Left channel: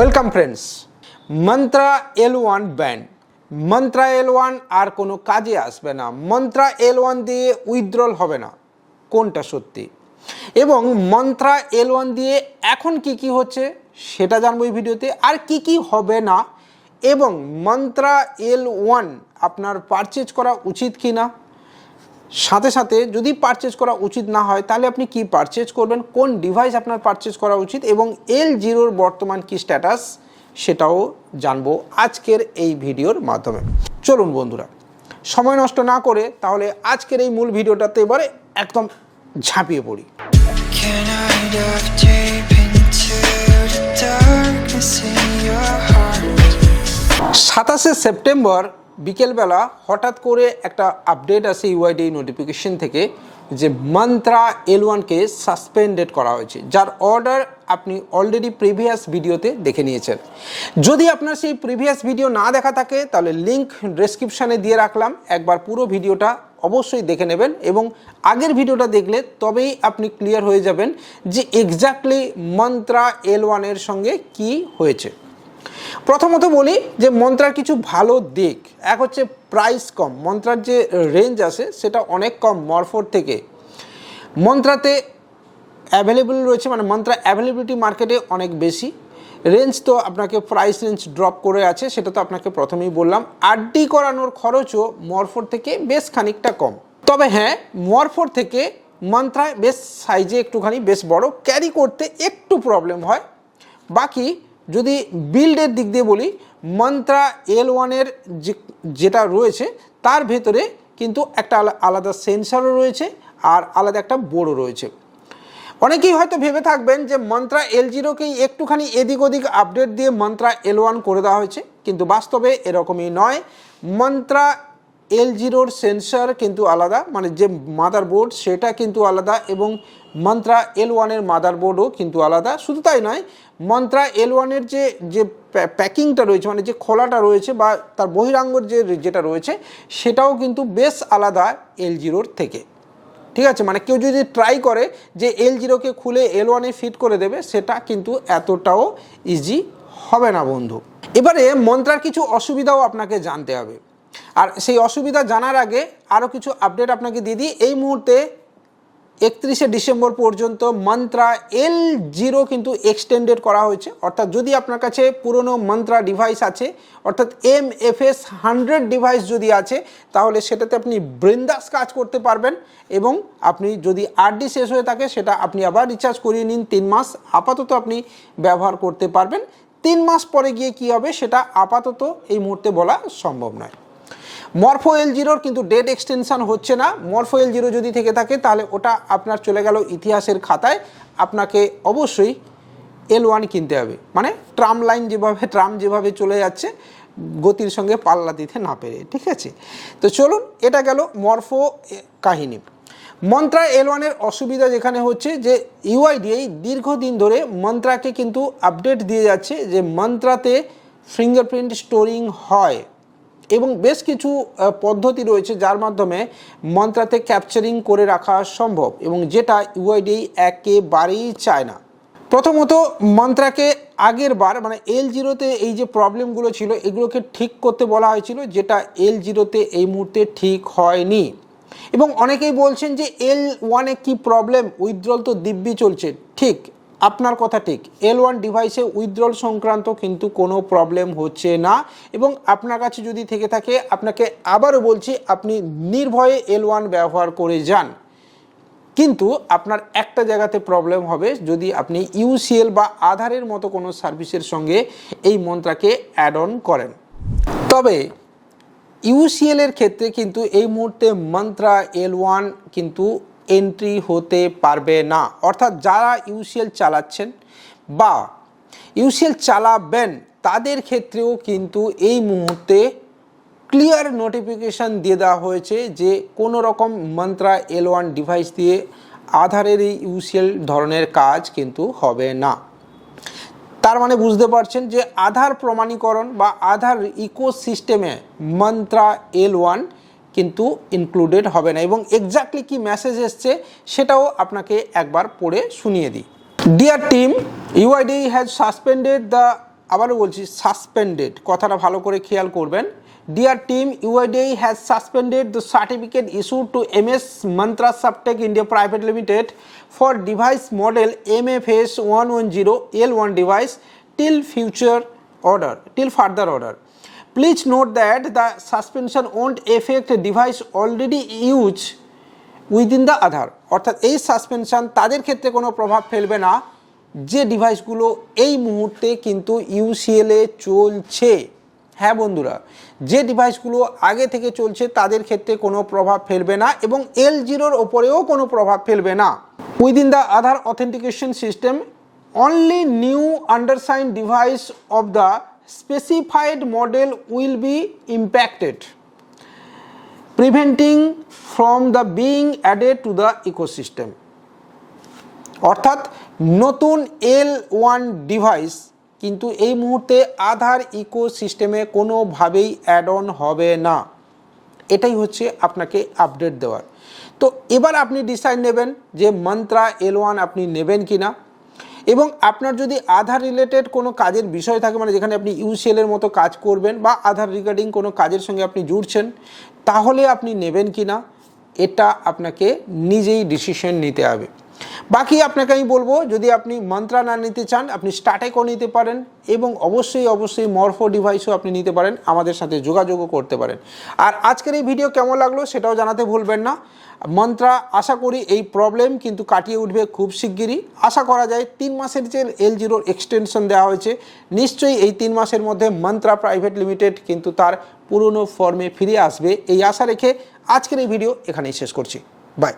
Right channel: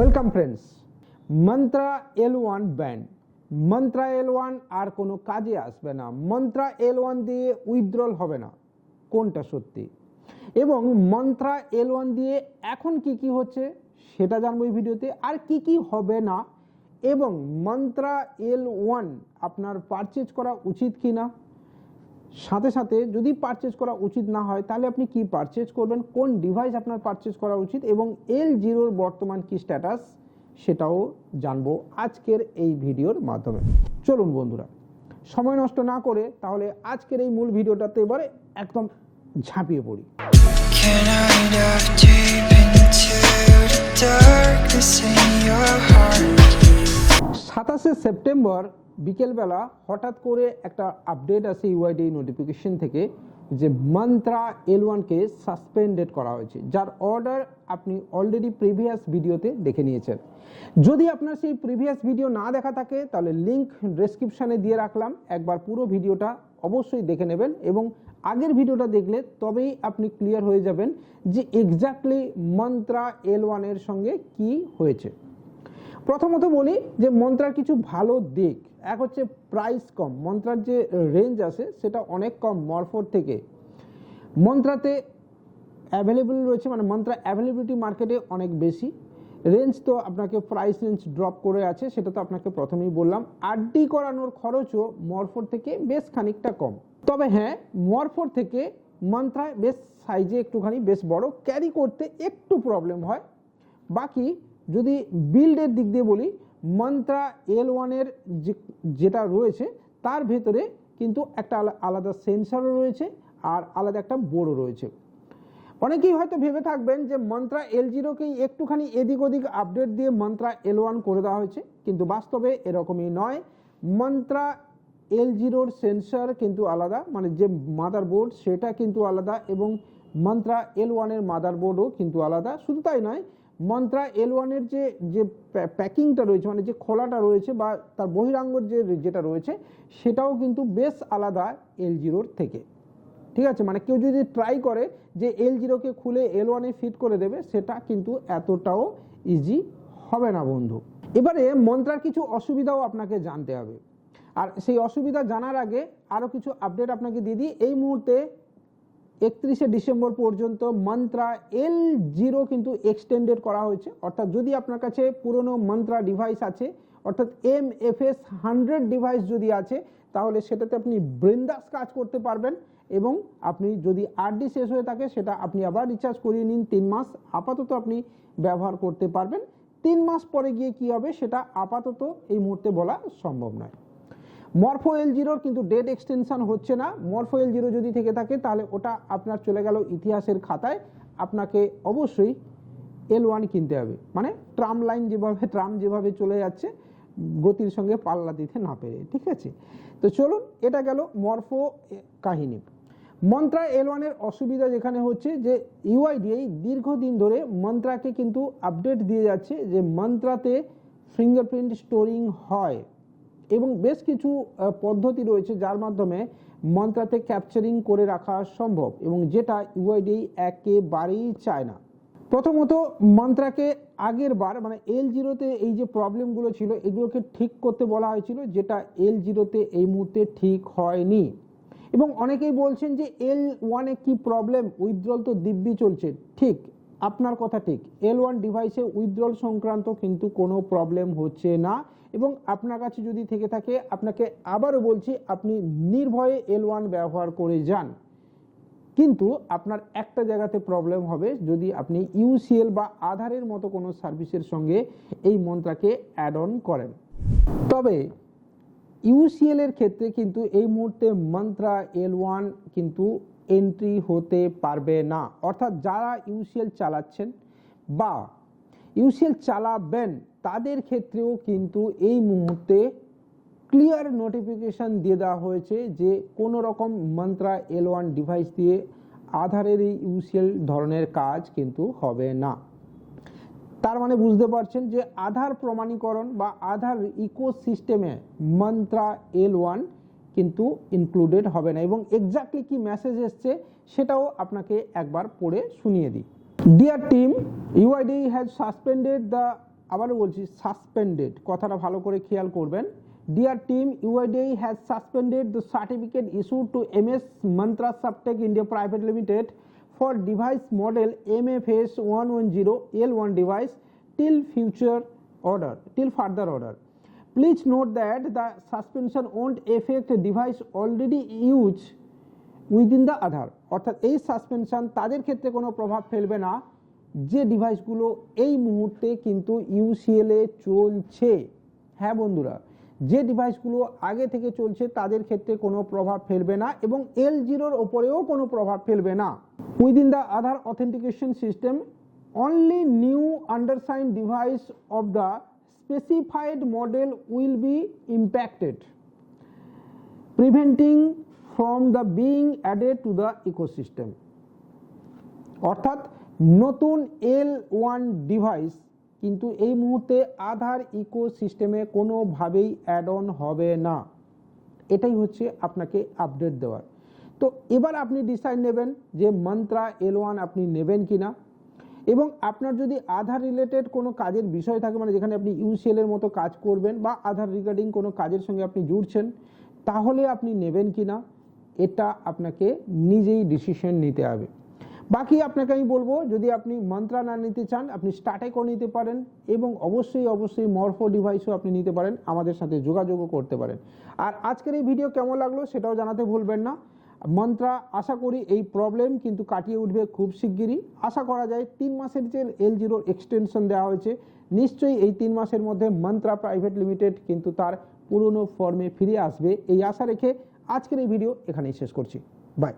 Welcome friends Mantra L one banned Mantra L one আর কোনো কাজে আসবে না। মন্ত্রা এল ওয়ান দিয়ে উইথড্রল হবে না। কোনটা সত্যি? এবং মন্ত্রা এল ওয়ান দিয়ে এখন কি কি হচ্ছে সেটা জানব এই ভিডিওতে। আর কি কি হবে না? এবং মন্ত্রা এল ওয়ান আপনার পারচেজ করা উচিত কি না সাথে সাথে যদি পারচেজ করা উচিত না হয় তাহলে আপনি কি পারচেজ করবেন? কোন ডিভাইস আপনার পারচেজ করা উচিত? এবং এল জিরোর বর্তমান কি স্ট্যাটাস সেটাও জানব আজকের এই ভিডিওর মাধ্যমে। চলুন বন্ধুরা সময় নষ্ট না করে তাহলে আজকের এই মূল ভিডিওটাতে এবারে একদম ঝাঁপিয়ে পড়ি? সাতাশে সেপ্টেম্বর বিকেলবেলা হঠাৎ করে একটা আপডেট আসে ইউআইডি নোটিফিকেশন থেকে যে মন্ত্রা এল ওয়ানকে সাসপেন্ডেড করা হয়েছে। যার অর্ডার আপনি অলরেডি প্রিভিয়াস ভিডিওতে দেখে নিয়েছেন। যদি আপনার সেই প্রিভিয়াস ভিডিও না দেখা থাকে, তাহলে লিঙ্ক ডেসক্রিপশানে দিয়ে রাখলাম। একবার পুরো ভিডিওটা অবশ্যই দেখে নেবেন এবং আগের ভিডিওটা দেখলে তবেই আপনি ক্লিয়ার হয়ে যাবেন যে এক্স্যাক্টলি মন্ত্রা এল ওয়ানের সঙ্গে কি হয়েছে। প্রথমত বলি যে মন্ত্রার কিছু ভালো দিক, এক হচ্ছে প্রাইস কম, মন্ত্রার যে রেঞ্জ আছে সেটা অনেক কম মরফোর থেকে। মন্ত্রাতে অ্যাভেলেবল রয়েছে মানে মন্ত্রা অ্যাভেলেবিলিটি মার্কেটে অনেক বেশি। রেঞ্জ তো আপনাকে প্রাইস রেঞ্জ ড্রপ করে আছে, সেটা তো আপনাকে প্রথমেই বললাম। আরডি করানোর খরচও মরফোর থেকে বেশ খানিকটা কম। তবে হ্যাঁ মরফোর থেকে মন্ত্রায় বেশ সাইজে একটুখানি বেশ বড় ক্যারি করতে একটু প্রবলেম হয়। বাকি যদি বিল্ডের দিক দিয়ে বলি মন্ত্রা এল ওয়ানের যেটা রয়েছে, তার ভেতরে কিন্তু একটা আলাদা সেন্সারও রয়েছে আর আলাদা একটা বোর্ডও রয়েছে। অনেকেই হয়তো ভেবে থাকবেন যে মন্ত্রা এল জিরোকেই একটুখানি এদিক ওদিক আপডেট দিয়ে মন্ত্রা এল ওয়ান করে দেওয়া হয়েছে, কিন্তু বাস্তবে এরকমই নয়। মন্ত্রা এল জিরোর সেন্সার কিন্তু আলাদা মানে যে মাদার বোর্ড সেটা কিন্তু আলাদা এবং মন্ত্রা এল ওয়ানের মাদার বোর্ডও কিন্তু আলাদা। শুধু তাই নয় মন্ত্রা এল ওয়ানের যে যে প্যাকিংটা রয়েছে মানে যে খোলাটা রয়েছে বা তার বহিরাঙ্গর যে যেটা রয়েছে, সেটাও কিন্তু বেশ আলাদা এল জিরোর থেকে। ঠিক আছে? মানে কেউ যদি ট্রাই করে যে এল জিরোকে খুলে এল ওয়ানে ফিট করে দেবে, সেটা কিন্তু এতটাও ইজি হবে না, বন্ধু। এবারে মন্ত্রার কিছু অসুবিধাও আপনাকে জানতে হবে। আর সেই অসুবিধা জানার আগে আরও কিছু আপডেট আপনাকে দিয়ে দিই। এই মুহূর্তে একত্রিশে ডিসেম্বর পর্যন্ত মন্ত্রা এল জিরো কিন্তু এক্সটেন্ডেড করা হয়েছে। অর্থাৎ যদি আপনার কাছে পুরনো মন্ত্রা ডিভাইস আছে, অর্থাৎ M F S hundred device যদি আছে, তাহলে সেটাতে আপনি বৃন্দাস কাজ করতে পারবেন এবং আপনি যদি আরডি শেষ হয়ে থাকে, সেটা আপনি আবার রিচার্জ করিয়ে নিন। তিন মাস আপাতত আপনি ব্যবহার করতে পারবেন। তিন মাস পরে গিয়ে কি হবে, সেটা আপাতত এই মুহূর্তে বলা সম্ভব নয়। মরফো এল জিরোর কিন্তু ডেট এক্সটেনশন হচ্ছে না। মরফো এল জিরো যদি থেকে থাকে, তাহলে ওটা আপনার চলে গেল ইতিহাসের খাতায়। আপনাকে অবশ্যই এল ওয়ান কিনতে হবে। মানে ট্রাম লাইন যেভাবে ট্রাম যেভাবে চলে যাচ্ছে, গতির সঙ্গে পাল্লা দিতে না পেরে, ঠিক আছে? তো চলুন, এটা গেল মরফো কাহিনী। মন্ত্রা এল ওয়ানের অসুবিধা যেখানে হচ্ছে যে ইউআইডিআই দীর্ঘদিন ধরে মন্ত্রাকে কিন্তু আপডেট দিয়ে যাচ্ছে যে, মন্ত্রাতে ফিঙ্গারপ্রিন্ট স্টোরিং হয়। এবং বেশ কিছু পদ্ধতি রয়েছে যার মাধ্যমে মন্ত্রাতে ক্যাপচারিং করে রাখা সম্ভব এবং যেটা ইউআইডি একেবারেই চায় না। প্রথমত, মন্ত্রাকে আগের বার মানে এল জিরোতে এই যে প্রবলেমগুলো ছিল, এগুলোকে ঠিক করতে বলা হয়েছিল, যেটা এল জিরোতে এই মুহূর্তে ঠিক হয়নি। এবং অনেকেই বলছেন যে এল ওয়ানে কী প্রবলেম উইথড্রল তো দিব্যি চলছে। ঠিক আপনার কথা ঠিক। এল ওয়ান ডিভাইসে উইথড্রল সংক্রান্ত কিন্তু কোনো প্রবলেম হচ্ছে না এবং আপনার কাছে যদি থেকে থাকে, আপনাকে আবারও বলছি, আপনি নির্ভয়ে এল ওয়ান ব্যবহার করে যান। কিন্তু আপনার একটা জায়গাতে প্রবলেম হবে, যদি আপনি ইউসিএল বা আধারের মতো কোনো সার্ভিসের সঙ্গে এই মন্ত্রাকে অ্যাড অন করেন। তবে ইউসিএলের ক্ষেত্রে কিন্তু এই মুহূর্তে মন্ত্রা এল ওয়ান কিন্তু এন্ট্রি হতে পারবে না। অর্থাৎ যারা ইউসিএল চালাচ্ছেন বা ইউসিএল চালাবেন, তাদের ক্ষেত্রেও কিন্তু এই মুহূর্তে ক্লিয়ার নোটিফিকেশান দিয়ে দেওয়া হয়েছে যে কোনো রকম মন্ত্রা এল ওয়ান ডিভাইস দিয়ে আধারের এই ইউসিএল ধরনের কাজ কিন্তু হবে না। তার মানে বুঝতে পারছেন যে আধার প্রমাণীকরণ বা আধার ইকোসিস্টেমে মন্ত্রা এল ওয়ান কিন্তু ইনক্লুডেড হবে না এবং এক্স্যাক্টলি কি মেসেজ এসছে সেটাও আপনাকে একবার পড়ে শুনিয়ে দিই। Dear team UID has suspended the আবারও বলছি সাসপেন্ডেড কথাটা ভালো করে খেয়াল করবেন। Dear team UIDI has suspended the certificate issue to M S Mantra Softech India private limited for device model M F S one one zero L one device till future order till further order Please note that the suspension won't affect device already used within the Aadhaar অর্থাৎ এই suspension তাদের ক্ষেত্রে কোনো প্রভাব ফেলবে না। যে ডিভাইসগুলো এই মুহূর্তে কিন্তু ইউসিএলে চলছে। হ্যাঁ বন্ধুরা, যে ডিভাইসগুলো আগে থেকে চলছে তাদের ক্ষেত্রে কোনো প্রভাব ফেলবে না এবং এল জিরোর ওপরেও কোনো প্রভাব ফেলবে না। Within the Aadhaar authentication system only new undersigned device of the specified model will be impacted, preventing from the being added to the ecosystem. অর্থাৎ নতুন এল ওয়ান ডিভাইস কিন্তু এই মুহূর্তে আধার ইকোসিস্টেমে কোনোভাবেই অ্যাড অন হবে না। এটাই হচ্ছে আপনাকে আপডেট দেওয়ার। তো এবার আপনি ডিসাইড নেবেন যে মন্ত্রা এল ওয়ান আপনি নেবেন কি না এবং আপনার যদি আধার রিলেটেড কোনো কাজের বিষয় থাকে মানে যেখানে আপনি ইউসিএলের মতো কাজ করবেন বা আধার রিগার্ডিং কোনো কাজের সঙ্গে আপনি জুড়ছেন, তাহলে আপনি নেবেন কি না এটা আপনাকে নিজেই ডিসিশন নিতে হবে। বাকি আপনাকে আমি বলব, যদি আপনি মন্ত্রা না নিতে চান, আপনি স্টার্টেকও নিতে পারেন এবং অবশ্যই অবশ্যই মরফো ডিভাইসও আপনি নিতে পারেন, আমাদের সাথে যোগাযোগও করতে পারেন। আর আজকের এই ভিডিও কেমন লাগল, সেটাও জানাতে ভুলবেন না। মন্ত্রা, আশা করি এই প্রবলেম কিন্তু কাটিয়ে উঠবে খুব শিগগিরই। আশা করা যায় তিন মাসের যে এল জিরোর এক্সটেনশন দেওয়া হয়েছে, নিশ্চয়ই এই তিন মাসের মধ্যে মন্ত্রা প্রাইভেট লিমিটেড কিন্তু তার পুরনো ফর্মে ফিরে আসবে। এই আশা রেখে আজকের এই ভিডিও এখানেই শেষ করছি। বাই